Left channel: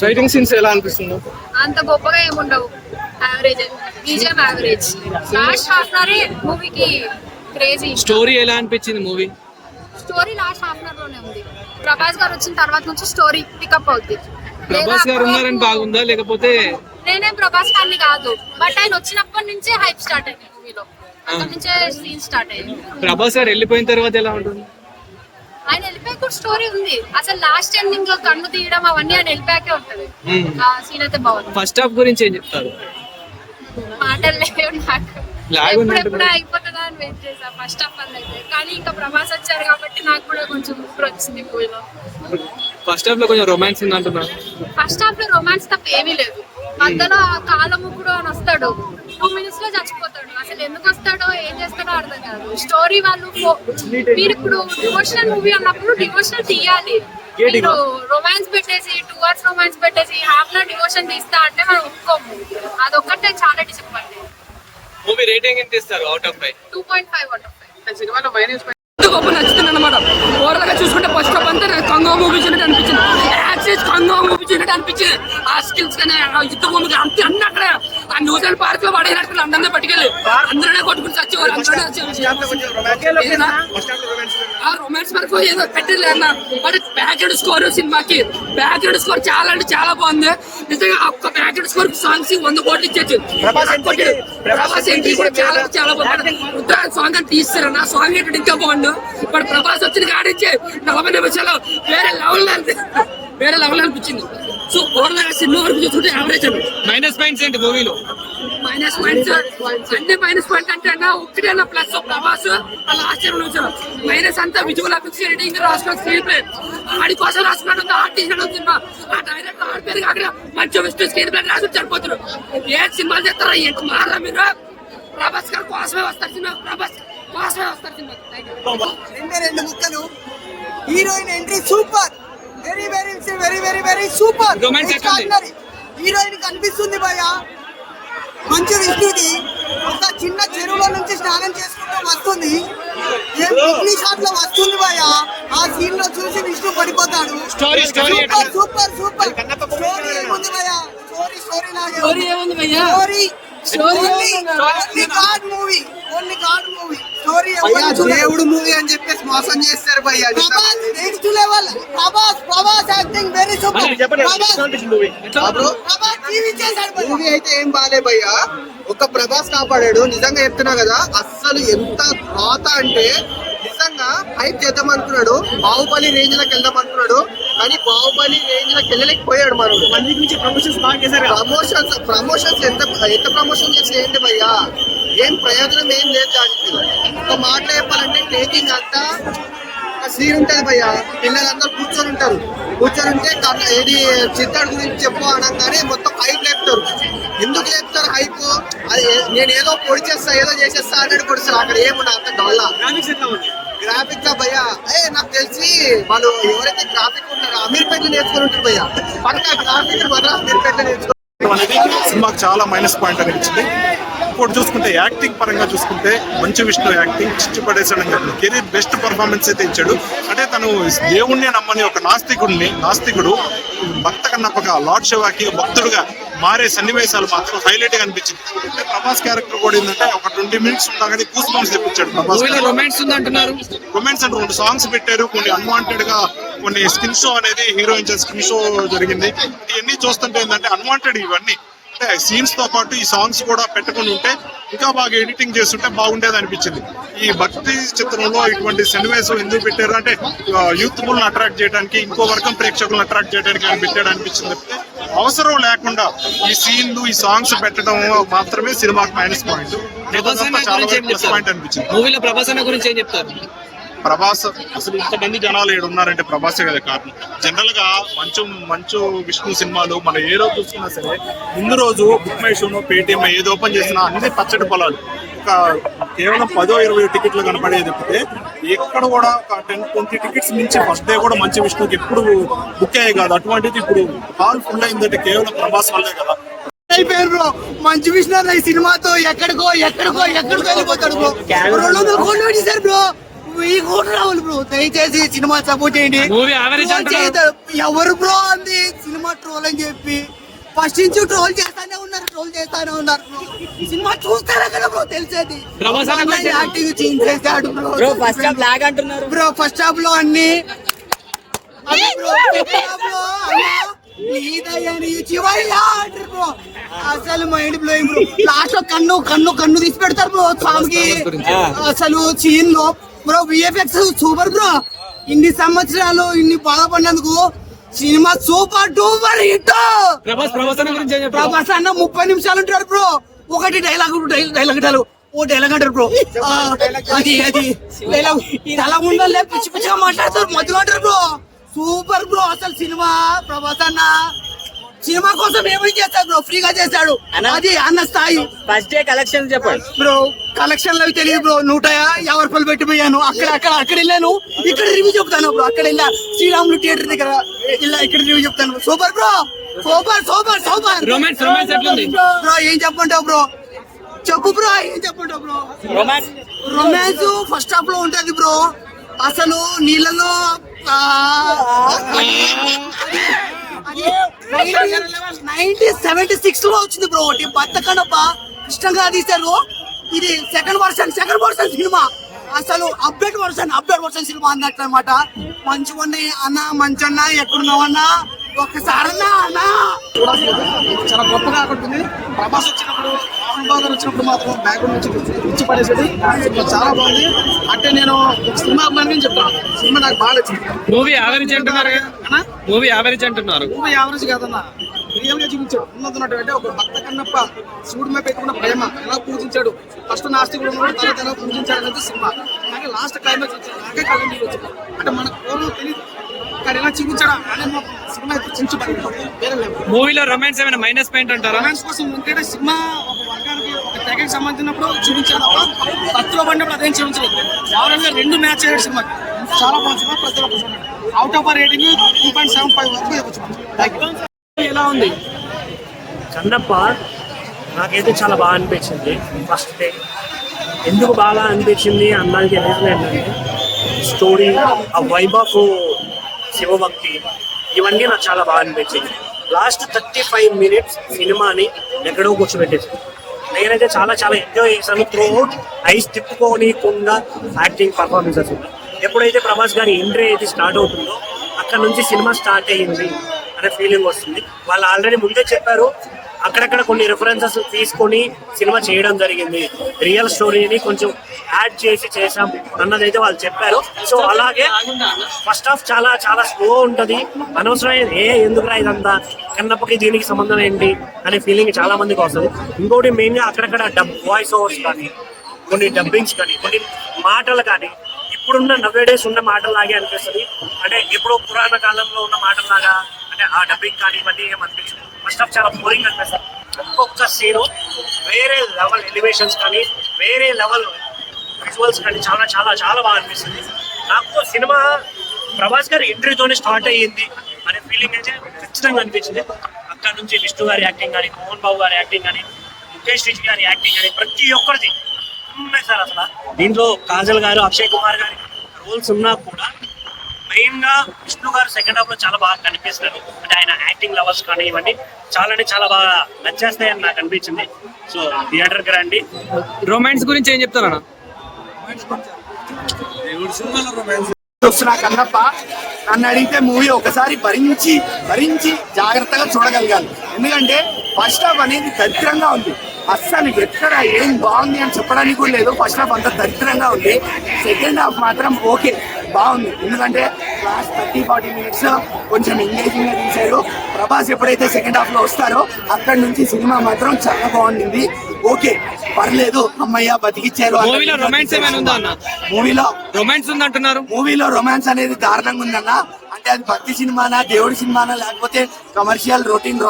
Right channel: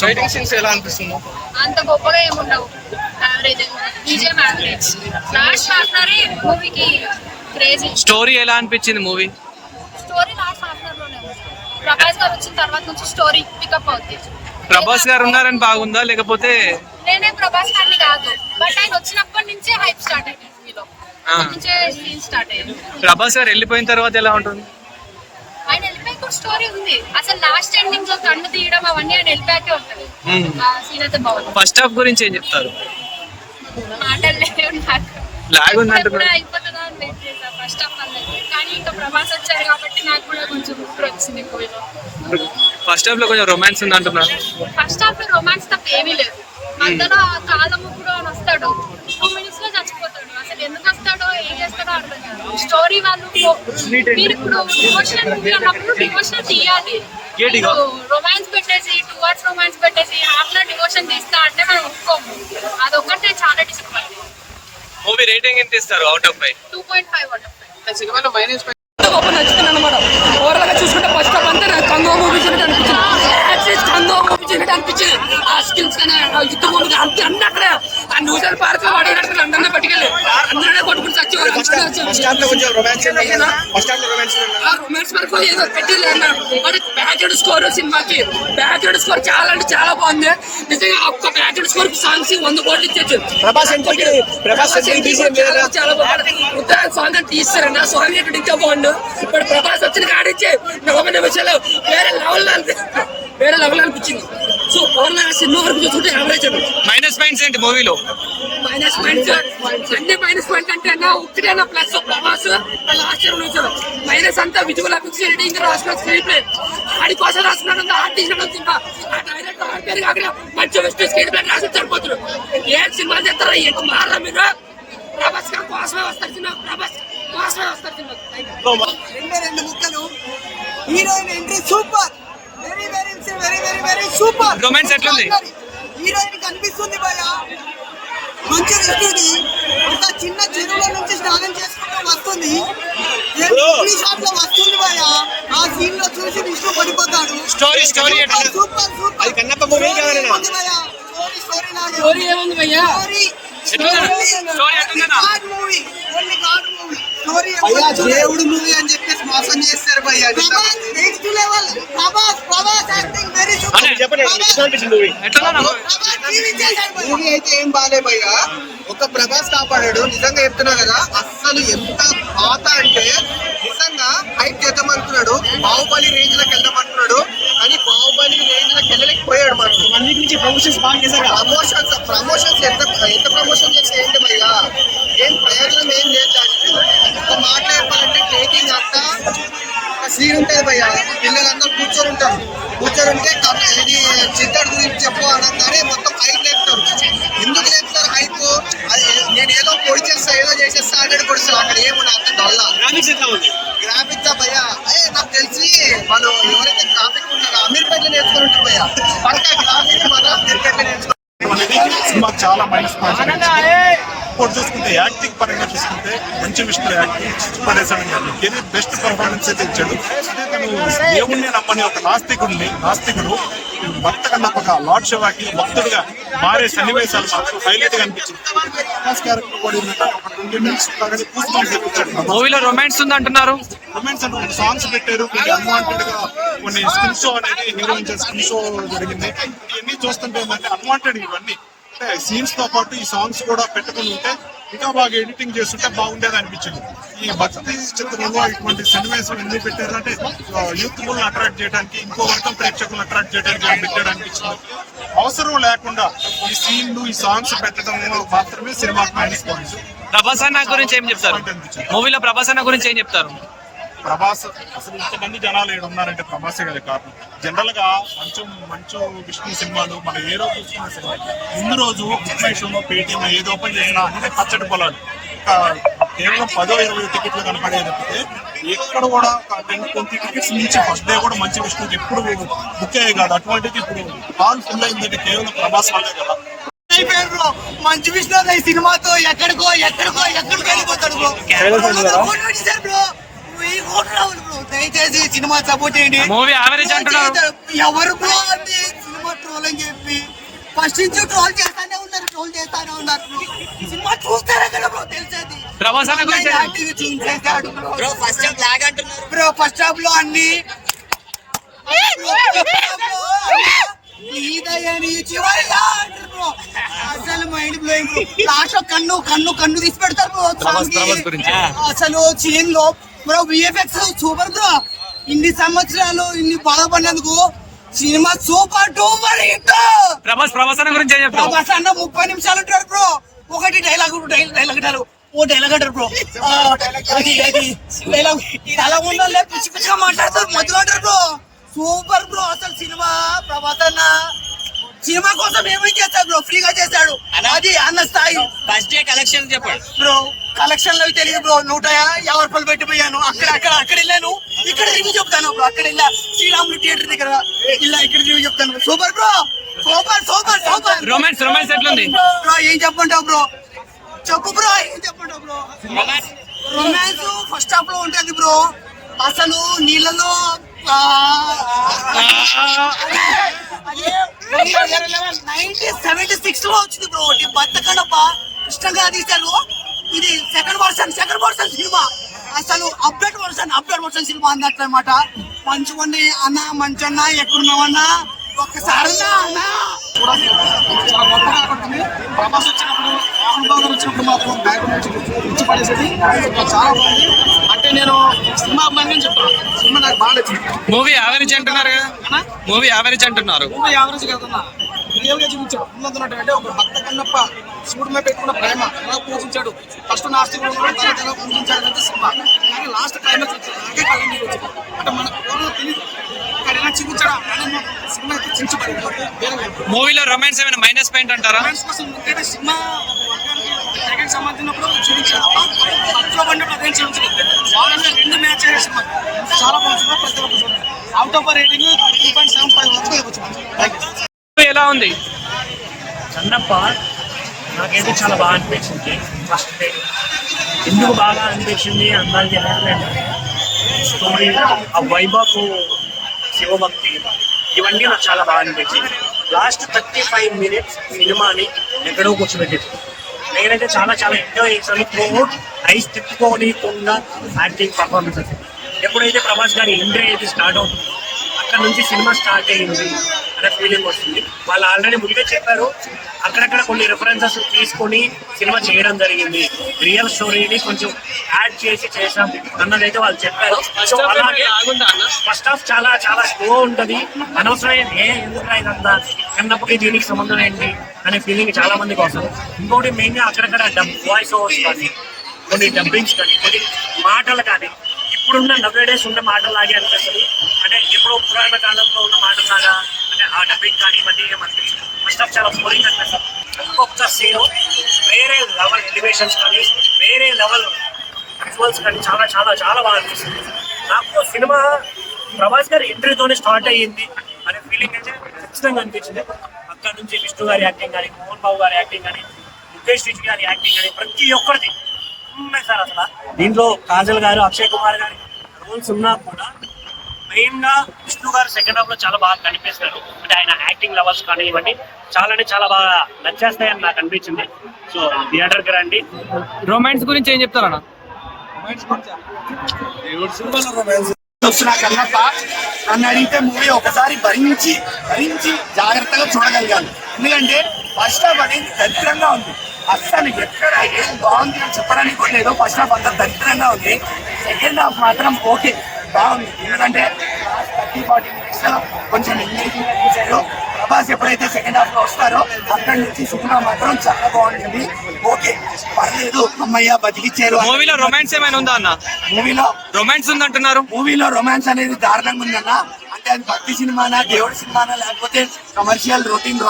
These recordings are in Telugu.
ఫైటింగ్ సీన్స్ ఎలా అనిపిస్తుంది? అంత గొప్పగా ఏముండవు, average, BGM average. Last half an hour మూవీకి క్రేజీ. స్టోరీ ఎలా అనిపించింది movie? Story last half an hour లోనే ఉంది. ప్రభాస్ గారు వచ్చిన తర్వాత నుంచి స్టోరీ పికప్ అవుద్ది. ప్రభాస్ గారు ఉన్నారని బాగుందా లేకపోతే? నేనేం ప్రభాస్ ఫ్యాన్ కాదు, బట్ ఆయన వచ్చినప్పటి నుంచే హైప్ స్టార్ట్ అయింది మూవీలో. నుంచే సీన్ స్టార్ట్ అయింది. ప్రభాస్ గారు వెళ్ళిపోయిన తర్వాత ఎలా ఉంటుంది? ఆయన వెళ్ళిపోయాక స్టోరీ ఉంది. అసలు లాస్ట్ ఎండింగ్ లో కన్ను తీయడం అవన్నీ ఆయన వెళ్ళిపోయాకే ఉంటది. సీన్ అయితే బాగుంది. ఫస్ట్ హాఫ్ గురించి ఏం చెప్తారు? మాటలు లేవు నాకు. లాగ్ ఉంది అయిపోతుందా అని వెయిట్ చేసా ఫస్ట్ హాఫ్ వల్ల అయితే. కానీ ఇంకా ప్రభాస్ వచ్చాడు కాబట్టి నాకు కూడా కొంచెం గుర్తు వచ్చింది మూవీలో. ఫస్ట్ హాఫ్ లో కొంచెం రొమాన్స్ ఉంది అంటున్నారు. ఫస్ట్ హాఫ్ లో రొమాన్స్ తప్ప ఏమీ లేదు. మధ్యలో కాలముకుడు అని వస్తాడు, 2 minutes లో చచ్చిపోతాడు. అసలు ఎందుకు వస్తాడో ఏం చేస్తాడో అర్థం కాదు. స్టోరీ వాళ్ళు మీరు ఇప్పుడు డివోషనల్ మూవీ ఉన్నప్పుడు డివోషనల్ తీయాలి. రొమాన్స్ పెట్టేసి 2 hours రొమాన్స్ పెట్టేసి హాఫ్ లో డివోషన్ తీస్తా అంటే మనం ఒప్పుకోము. అదొక్కటే చాలా డిసప్పాయింట్. మూవీ రేటింగ్ ఎంత ఇస్తారు అవుట్ ఆఫ్ 5? 2.5 out of 5. సినిమాలో మైనస్ నచ్చుతుంది అనమాట. ఓవరాల్ గా చూసుకుంటే ఫస్ట్ హాఫ్ అంతా కంగో మూవీ అనిపించింది. కంగో మూవీ అనిపించింది. ఆ స్కిల్స్ కానీ యుద్ధ మూవీ అంతే అన్ని అక్కడ ఆ న్యూజిలాండ్ పార్క్ లో వాడినట్టు అందరినీ పట్టుకెళ్ళి అందరినీ కొట్టుకుని వచ్చేవారు. ఆ రొమాన్స్ వరకు ఏదో పెట్టింది అన్న. బట్ బ్యాక్గ్రౌండ్ స్కోర్ సినిమాకి బ్యాక్గ్రౌండ్ స్కోర్ చాలా అంటే చాలా బాగుంది. నిజంగా ఒక్క బ్యాక్గ్రౌండ్ స్కోర్ సాంగ్స్ 100 కోట్లు ఇచ్చేచ్చు. చాలా బాగుంది. ఉత్తరాయణ సాంగ్ అని తీస్తారన్న. సాంగ్ ఏంటంటే ఇంకా బాగుండు. ఇప్పుడు ప్రభాస్ వచ్చిన కాడించి 40 నిమిషాలు వేరే లెవెల్ అనిపించింది. సో ఓవరాల్ సినిమా వరకు చూసుకుంటే యావరేజ్ అన్న. మైనస్ పాయింట్స్ ఏంటి మూవీలో? మైనస్ పాయింట్స్ అన్ని మైనస్ పాయింట్ అంటే అన్న ఒకటేనా ప్లస్ ప్రభాస్ వాళ్ళ ఆశ్చర్యం. మైనస్ అంతా విజువల్ ఎఫెక్ట్స్, ఎడిటింగ్, రాసుకున్న స్క్రీన్ ప్లే ఆడి కోసం రాసుకున్నట్టు ఆర్ట్ తీసినట్టు సినిమా. ఆ డైరెక్టర్ ఆడి పేరు కాకుండా మంచి విష్ణు స్క్రీన్ ప్లే రాసి సరిపోతారు. ఏ సినిమాలు చేస్తారా ఏంటి మారా మీరు? ప్రభాస్ గారు కోసమే వస్తారు సినిమా. ప్రభాస్ కోసమే వస్తారు సినిమా. 2 ముక్కలు. Heroine entry super, very very very very very super. Romance ఎట్లుంది? హీరోయిన్ కనిపిస్తుంది భయ, మంచి విష్ణుది ఒక చిన్న చెరువులో నుంచి స్నానం చేసుకుంటూ వస్తుంది. షాప్ లో వస్తుంది భయ. ఆ సీన్ లో చూసి విష్ణు పడిపోతాడు. Story super super. స్టోరీ ఏముంది భయ్యా? దేవుడు మూవీ అని చెప్పేసి మోసం చేస్తారు భయ్యా. Next level. Prabhas acting very super. Movie అయితే ఏం బాలే భయ్యా. ఒక ప్రభాస్ కాపాడాడు. నిజంగా చెప్తున్నా కదా, అస్సలు ఎంత పాత అంటే నిజంగా హైప్ చేద్దాం అనుకున్నాడు. బాహుబలి రేంజ్ లకు వెళ్దాం అనుకున్నాడు, కానీ బాహుబలి రేంజ్ లకు వెళ్ళలేకపోయాడు. మనకు ప్రమోషన్స్ ఎంత ప్రమోషన్ చేస్తే ఏంటి భయ్యా? ఏం ప్రయోజనం ఏం లేదు దానికి. ఒక మాట చెప్పాలంటే టేకింగ్ అంతా సీన్ ఉంటది భయ్యా. పిల్లలందరూ కూర్చొని ఉంటే ఏది చిత్తడి గురించి చెప్పు అనగానే మొత్తం హైప్ లేపుతారు. ఎందుకు లేపుతారు హైప్? నేను ఏదో పొడి చేస్తా ఏదో చేసేస్తా అనేది పొడిస్తాను. అక్కడ ఏముండదు, అంత డొల్లా గ్రాఫిక్స్ భయ్యా. నాకు తెలిసి వాళ్ళు ఎవరైతే గ్రాఫిక్ ఉన్నారో అమీర్పేటలో నేర్చుకుని ఉంటారు భయ్యా. పక్క గ్రాఫిక్ మాత్రం అమీర్పేటలో నేర్చుకుంటారు. సినిమాకి చాలా మైనస్ పాయింట్ అనిపించింది. ఇప్పుడు చూసుకుంటే యాక్టింగ్ పరంగా చూసుకుంటే మంచి విష్ణు యాక్టింగ్ చిచ్చు పడేసాడు. కెరీర్ బెస్ట్ పర్ఫార్మెన్స్ అయితే ఇచ్చాడు. అంటే తను దేవుణ్ణి నమ్మని ఒక నాస్తికుడు భక్త నమ్మక లార్డ్ శివాకి భక్తుడిగా మారే సన్నివేశాలు మాత్రం హైలైట్ గా అనిపించింది. ప్రభాస్ క్యారెక్టర్ కూడా ఏంటంటే ఒక 20 minutes లాగానే కూసుకొని తెప్పించాడు. మూవీలో రొమాన్స్ ఉంది అంటున్నారు. రొమాన్స్ అంటే 2 సాంగ్స్ పెట్టారు. కొన్ని అన్వాంటెడ్ గా కొన్ని స్కిన్ షో అనేది హీరోయిన్ స్కిన్ షో జరిగింది. ఇవన్నీ చూస్తుంటే ఏంటంటే అన్వాంటెడ్ ఇవన్నీ సీన్స్ తో పాటు ఈ సాంగ్స్ కూడా పెట్టుకుని ఉంటే ఇంకా బాగా ఎడిటింగ్ చేస్తుంటే బాగుండేది అనిపించింది. ఈ భక్తి చిత్రంలో ఇటువంటి సన్నివేశం ఎందుకు పెట్టారు అంటే యూత్ ను అట్రాక్ట్ చేయడానికి, ఇంకో వర్గం ప్రేక్షకులను అట్రాక్ట్ చేయడానికి పెట్టారు అనిపించింది. అవసరం లేకుండా ఈ సీన్లు ఈ సాంగ్స్ పెట్టడం మాత్రమే సినిమాకి మైనస్ పాయింట్. ప్రభాస్ అన్న గురించి ఏం చెప్తారు? మూవీలో ప్రభాస్ అన్న గురించి ఏం చెప్తారు? ప్రభాస్ అసలు ఇంతమంది జనాలు ఏడు ఉన్నారంటే ప్రభాసే కదా కారణం. జనరల్ గా మంచు విష్ణు సినిమాలు మనం ఏ రోజు చూసుకున్నా సరే ముందు రోజు బుక్ మై షోనో పేటిఎం ఏది ఓపెన్ చేసినా అన్ని పచ్చడి పొలాలు. కేవలం 10-20 టికెట్లు కనపడేది తప్పితే ఎక్కడ కూడా ఒక 10-20 టికెట్స్ మించి ఫస్ట్ డే కూడా మంచి విష్ణుకి ఎప్పుడు బుక్ అయ్యాయి కాదు. అటువంటిది ఇప్పుడు హాల్ ఫుల్ అయిందంటే కేవలం ప్రభాస్ వల్లే కదా. మంచి విష్ణు ఈ సినిమాతో ఎక్కడికో వెళ్ళిపోతాడు బ్రో. 200 కోట్లు పెట్టేశారు బ్రో. 1000 కోట్లు రావాలి బ్రో. దయచేసి సినిమా సపోర్ట్ చేయండి. మూవీ యావరేజ్ అంటున్నారు. ఎవరు బ్రో అంది సినిమా ట్రోల్ అని చెప్పి ఫస్ట్ నుంచి ట్రోల్ చేస్తానే ఉన్నారు సినిమా చూస్తారా కదా బ్రో తెలిసేది. ప్రభాస్ అన్న గురించి యాక్టింగ్ చేంజ్ చేస్తాడు బ్రో ఫస్ట్ హాఫ్ లాగ్ అంటున్నారు. బ్రో ఫస్ట్ హాఫ్ లో అన్ని అసలు మైండ్ బ్లోయింగ్ బ్రో. లాస్ట్ లో కన్ను తీసి పెడతారు బ్రో. ప్రభాస్ గురించి అసలు సీన్ లో బ్రో విఎఫ్ఎక్స్ సూపర్ బ్రో. ఇన్ని సంవత్సరాలు ఇన్ని బాధపడినందుకు cinema super duper hit. Prabhas అన్న గురించి ఏం చెప్తావు? ప్రభాస్ అన్న 30 నిమిషాలు ఉంటారు బ్రో. ఒకటి డైలాగ్ అంటారు బ్రో. అది డైలాగ్ అలా ఉండాలి. పిచ్చి పిచ్చిగా మాట్లాడతారు మధ్యలో అంటారు బ్రో. సూపర్ బ్రో అసలు సినిమా. ప్రభాస్ అన్న సినిమా కోసం ఏమైనా చేస్తాడు బ్రో, ఫ్రీగా చేస్తాడు. అది అన్న స్థాయి. ఫస్ట్ డే కలెక్షన్ చెప్పండి బ్రో. కలెక్షన్ లో తెలియదు బ్రో. 150 రూపాయలు పెట్టిపోయాను. అక్కడ వెళ్ళాను. ఇక్కడ రివ్యూ చెప్తాను బ్రో. అక్కడ వెళ్ళా శ్రీరాములు థియేటర్ దగ్గర ఇక్కడ రివ్యూ చెప్తాను. Super bro. సూపర్ రొమాన్స్ ఎట్లుంది బ్రో? ఏం చెప్పంటావు బ్రో? చెప్పు బ్రో. ఏం చెప్పంటావు బ్రో? రొమాన్స్ ఫస్ట్ హాఫ్ లో ఉంటది బ్రో. అసలు నీళ్ళలో 1976 లో వచ్చింది బ్రో. ఒకటి బతకడప్ప ఇష్టంగా తీశారు. ఇది సెకండ్ వర్షన్ సినిమా. అసలు అప్డేట్ వర్షన్ సినిమా అన్నట్టు అనమాట. మంచిగుండి అన్న, మంచన్నా ఎక్కడున్నావన్నా ఒక్కసారి అన్నా. చాలా గొప్పగా ఆడుతుంది. ప్రభాస్ వచ్చినప్పుడు, మోహన్ బాబు గారు వచ్చినప్పుడు మాత్రం బ్యాక్గ్రౌండ్ నుంచి పడేసేది చాలా బాగుంది. అంటే నేను సినిమా అభిమాని చెప్తాను. సినిమా నాకు బాగా నచ్చింది. మూవీ యావరేజ్ అంటున్నారు కదా? మూవీ యావరేజ్ అంటున్నారు. మూవీ యావరేజ్ కాదన్నా, రియల్ గా చూపించాడు. ఉన్నదంటే ఒక భక్త కన్నప్ప శివుడి మీద పెట్టుకున్న ప్రేమ ఎలా పూజించాడు. ఫస్ట్ నాస్తికుడు ఉన్నాడు, తర్వాత ఎలా పూజించాడు అనేది సినిమా. కానీ లాస్ట్ క్లైమాక్స్ వచ్చింది. నాకే కళ్ళ నీళ్ళు వచ్చింది. అంటే మన పూర్వం తెలియదు ఇక్కడ ఎలా చూపించాడా అనేది సినిమా చించబడింది. మూవీలో రొమాన్స్ ఏమైనా మైనస్ పాయింట్ అంటారా? రొమాన్స్ కోసం ఎందుకంటే సినిమా ఒక వర్గానికి జగన్ సంబంధించినప్పుడు చూపించాడు. భక్తిలో పడినప్పుడు అదేం చూపించలేదు. వాళ్ళలో 2 మ్యాచ్ అయ్యే సినిమా చాలా బాగుంది. సినిమా ప్రతి ఒక్క చూడండి. అవుట్ ఆఫ్ రేటింగ్ 2.75 వరకు ఇవ్వచ్చు. ఎలా ఉంది కన్నప్ప? నాకైతే చాలా బాగా అనిపించింది. ఫస్ట్ డే ఎందుకు బాగా అనిపించింది అన్నది రీజన్ ఏంటంటే స్టోరీ, ఆ వైబ్ ఆఫ్ శివభక్తి, ఇవన్నీ నాకు చాలా బాగా అనిపించింది. లాస్ట్ 35 మినిట్స్ సినిమాని ఎక్కడో కూర్చోబెట్టేది. నేనైతే చాలా ఎంజాయ్ చేశాను. త్రూఅవుట్ ఐస్ తిప్పుకోనికుండా యాక్టింగ్ పర్ఫార్మెన్సెస్. ఎప్పుడైతే ప్రభాస్ గారి ఎంట్రీ అయితే స్టార్ట్ అవుతుందో అక్కడ నుంచి సినిమా స్టార్ట్ అయ్యింది అనే ఫీలింగ్ వస్తుంది. వాళ్ళు ఆల్రెడీ ముందే చెప్పారు, అక్కడక్కడ కొన్ని రిఫరెన్సెస్ తీసుకొని సినిమా చేయడం జరిగింది. రియల్ స్టోరీని కొంచెం యాడ్ చేసి చేసాం అన్నదైతే వాళ్ళు చెప్పారు. సో అలాగే ఫస్ట్ హాఫ్ చాలా స్లో ఉంటది. అనవసరం ఎందుకురా ఇదంతా, కన్నప్పకి దీనికి సంబంధం ఏంటి అనే ఫీలింగ్ చాలా మందికి వస్తుంది. ఇంకోటి మెయిన్ గా అక్కడక్కడ వాయిస్ ఓవర్స్ కానీ, కొన్ని డబ్బింగ్స్ కానీ, కొన్ని మాటలు కానీ ఇప్పుడున్న నవ్వేడేస్ ఉన్న మాటలాగే అనిపిస్తుంది. అంటే ఎప్పుడో పురాణ కాలంలో ఉన్న మాటలాగా అంటే ఆ డబ్బింగ్ కానీ ఇవన్నీ ఏమనిపిస్తుంది. ఫస్ట్ ఆఫ్ చాలా బోరింగ్ అనిపిస్తుంది. ఒక్కొక్క సీన్ వేరే లెవెల్ ఎలివేషన్స్ కానీ, వేరే లెవెల్ విజువల్స్ కానీ చాలా బాగా అనిపిస్తుంది. నాకు సినిమా ప్రభాస్ గారి ఎంట్రీతోనే స్టార్ట్ అయ్యింది అనే ఫీలింగ్ అయితే ఖచ్చితంగా అనిపించింది. అక్కడ నుంచి విష్ణు గారి యాక్టింగ్ కానీ, మోహన్ బాబు గారి యాక్టింగ్ కానీ, ముఖేష్ రిషి గారి యాక్టింగ్ కానీ ప్రతి ఒక్కరిది ఉన్నాయి సార్. అసలు దీంట్లో కాజల్ గారు, అక్షయ్ కుమార్ గారి రోల్స్ ఉన్నా కూడా మెయిన్ గా విష్ణు గారు సెకండ్ హాఫ్ లో చాలా బాగా కనిపిస్తారు. అంటే ఆయన యాక్టింగ్ లెవెల్స్ కానీ ఇవన్నీ చాలా బాగా నచ్చేస్తాయని నాకు అనిపించింది. సో థియేటర్ కి రండి. రొమాన్స్ గురించి ఏం చెప్తారన్నా? వస్తున్నా కన్నప్ప నన్ను అడిగితే మూవీ ఒకసారి భరించి జాగ్రత్తగా చూడగలగాలి. ఎందుకంటే ఫస్ట్ హాఫ్ అనేది దరిద్రంగా ఉంది. అస్సలు ఎక్కడ ఏం బాగుంది అని చెప్పడానికి కూడా లేదు. ఫస్ట్ హాఫ్ అంతా దరిద్రంగా ఉంది. సెకండ్ హాఫ్ మాత్రం ఓకే బాగుంది. ఎందుకంటే లాస్ట్ 30-40 మినిట్స్ కొంచెం ఎంగేజింగ్ గా తీశారు. ప్రభాస్ ఎప్పుడైతే సెకండ్ హాఫ్ లో వస్తారో అక్కడి నుంచి సినిమా మాత్రం చాలా బాగుంది. ఓకే పర్లేదు, అమ్మయ్య బతికిచ్చారు. మూవీలో రొమాన్స్ ఏమైనా ఉందా అన్న? మూవీలో రొమాన్స్ ఉందంటున్నారు. మూవీలో రొమాన్స్ అనేది దారుణంగా ఉందన్న. అంటే అది భక్తి సినిమానా, దేవుడి సినిమానా, లేకపోతే కమర్షియల్ రొటీన్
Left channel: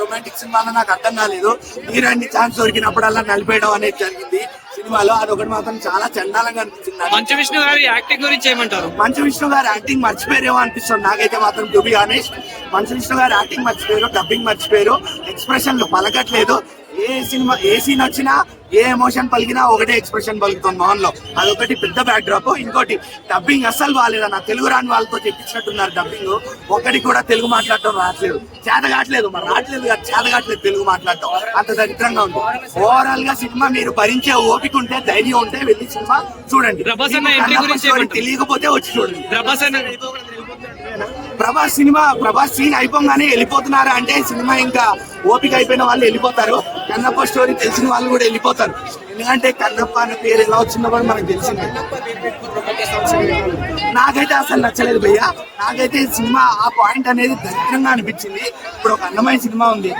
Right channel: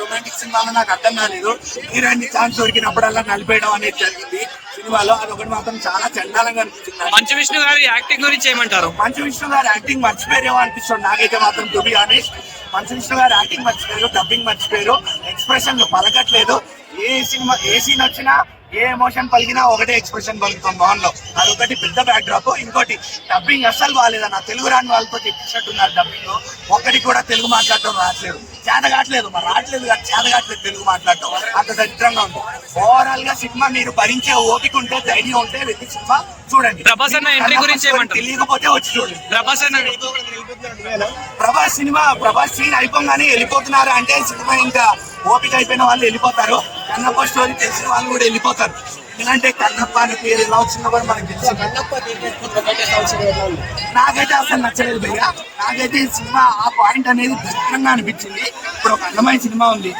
రొమాంటిక్ సినిమానా నాకు అర్థం కాలేదు. హీరోయిన్ ఛాన్స్ దొరికినప్పుడల్లా నలిపేయడం అనేది జరిగింది సినిమాలో. అదొకటి మాత్రం చాలా చండాలంగా అనిపించింది. మంచు విష్ణు గారి యాక్టింగ్ గురించి ఏమంటారు? మంచు విష్ణు గారి యాక్టింగ్ మర్చిపోయారేమో అనిపిస్తుంది నాకైతే మాత్రం. To be honest, Manchu Vishnu గారి యాక్టింగ్ మర్చిపోయారు, డబ్బింగ్ మర్చిపోయారు, ఎక్స్ప్రెషన్లు పలకట్లేదు. ఏ సీన్ వచ్చినా ఏ ఎమోషన్ పలికినా ఒకటే ఎక్స్ప్రెషన్ పలుకుతుంది మోహన్ లో. అదొకటి పెద్ద బ్యాక్ డ్రాప్. ఇంకోటి డబ్బింగ్ అస్సలు బాగాలేదన్న. తెలుగు రాని వాళ్ళతో చెప్పించినట్టున్నారు డబ్బింగ్. ఒక్కటి కూడా తెలుగు మాట్లాడటం రావట్లేదు, చేత కావట్లేదు. మరి రావట్లేదు కాదు, చేత కావట్లేదు తెలుగు మాట్లాడటం. అంత దరిద్రంగా ఉంది. ఓవరాల్ గా సినిమా మీరు భరించే ఓపిక ఉంటే, ధైర్యం ఉంటే వెళ్ళి సినిమా చూడండి. ప్రభాస్ అన్న ఎంట్రీ గురించి ఏమంటారు? తెలియకపోతే వచ్చి చూడండి. ప్రభాస్ ప్రభాస్ సీన్ అయిపోగానే వెళ్ళిపోతున్నారు అంటే సినిమా ఇంకా ఓపిక అయిపోయిన వాళ్ళు వెళ్ళిపోతారు. కన్నప్ప స్టోరీ తెలిసిన వాళ్ళు కూడా వెళ్ళిపోతారు. ఎందుకంటే కన్నప్ప అనే పేరు ఎలా వచ్చిందో కూడా మనకు తెలిసింది. నాకైతే అసలు నచ్చలేదు భయ్య. నాకైతే సినిమా ఆ పాయింట్ అనేది దరిద్రంగా అనిపించింది. ఇప్పుడు ఒక అందమైన సినిమా ఉంది.